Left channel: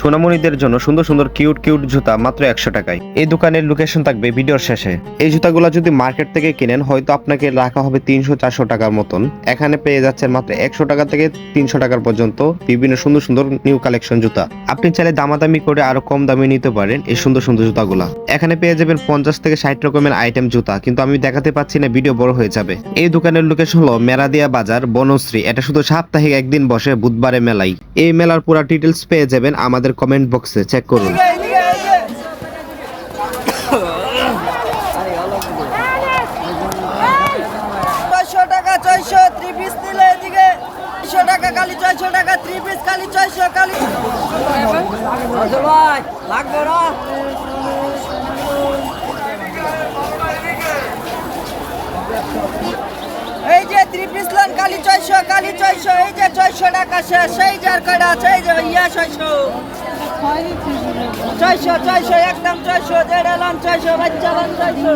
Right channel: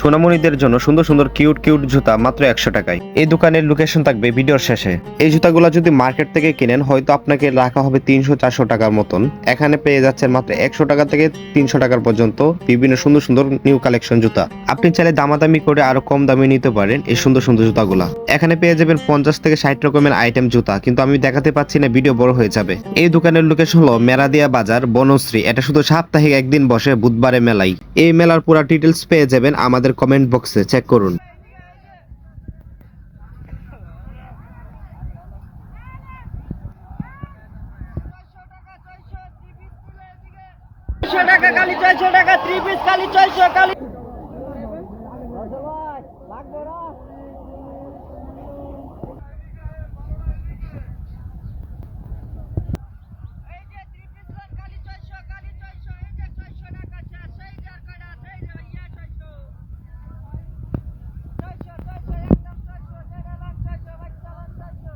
সোনামণিদের জন্য সুন্দর সুন্দর কিউট কিউট জুতা মাত্র 100 টাকায়। এই দোকানের লোকেশন থাকবে ভিডিওর শেষে। এই জুতাগুলো যদি মার্কেট থেকে কিনেন হয়তো আপনাকে রাখা হবে 300-400 টাকার মতন। এখানে পেয়ে যাচ্ছেন মাত্র 100 টাকা থেকে 300 টাকার পর্যন্ত বিভিন্ন সুন্দর সুন্দর নিউ কালেকশন জুতা। আপনি চাইলে দামাদামি করে আরো কম দামে নিতে পারেন এই সুন্দর সুন্দর জুতাগুলা। এখানে পেয়ে যাবেন 50 থেকে 60 রকমের আইটেম জুতা, কিন্তু আমি দেখাতে পাচ্ছি না, ভিডিও বড় হয়ে যাবে। এই দোকানের লোকেশন হলো মেরাদিয়া বাজার, বনশ্রী। এটা শুধু সাপ্তাহিক একদিন বসে, বুধবারে মেলাই। এই মেলার পুরো ডিটেলস পেয়ে যাবেন আমাদের কমেন্ট বক্সে, চেক করুন। এই যে 3 পিস লান কালি 600, কালি 600, এই যে 600 টাকা শেষ, সেই যার কয়টা আছে, এই যে ইয়া 600, 600 একদম 600, দেড় লান 600, বাচ্চা লান 600।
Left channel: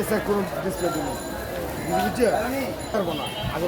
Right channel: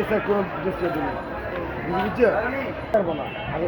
এসে কোনো ডিসপ্লে দিন বুঝছে পারবো না আগে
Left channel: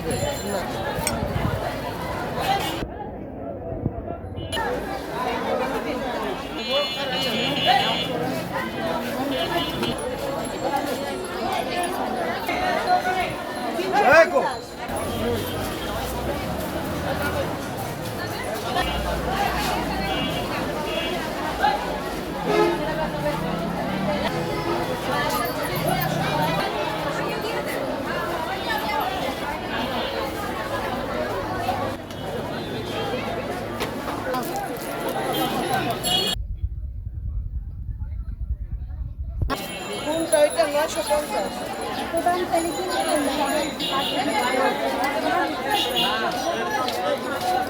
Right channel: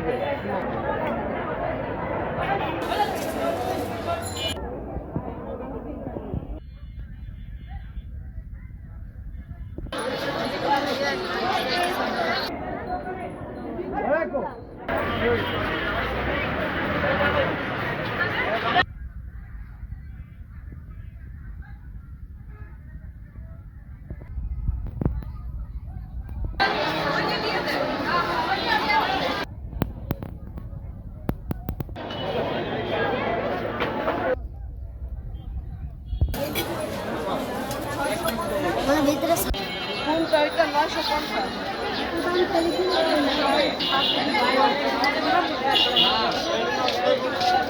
কোনটা এটা 950?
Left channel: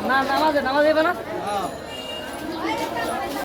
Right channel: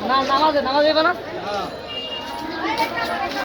না নামাজে নামাজ দেবে না।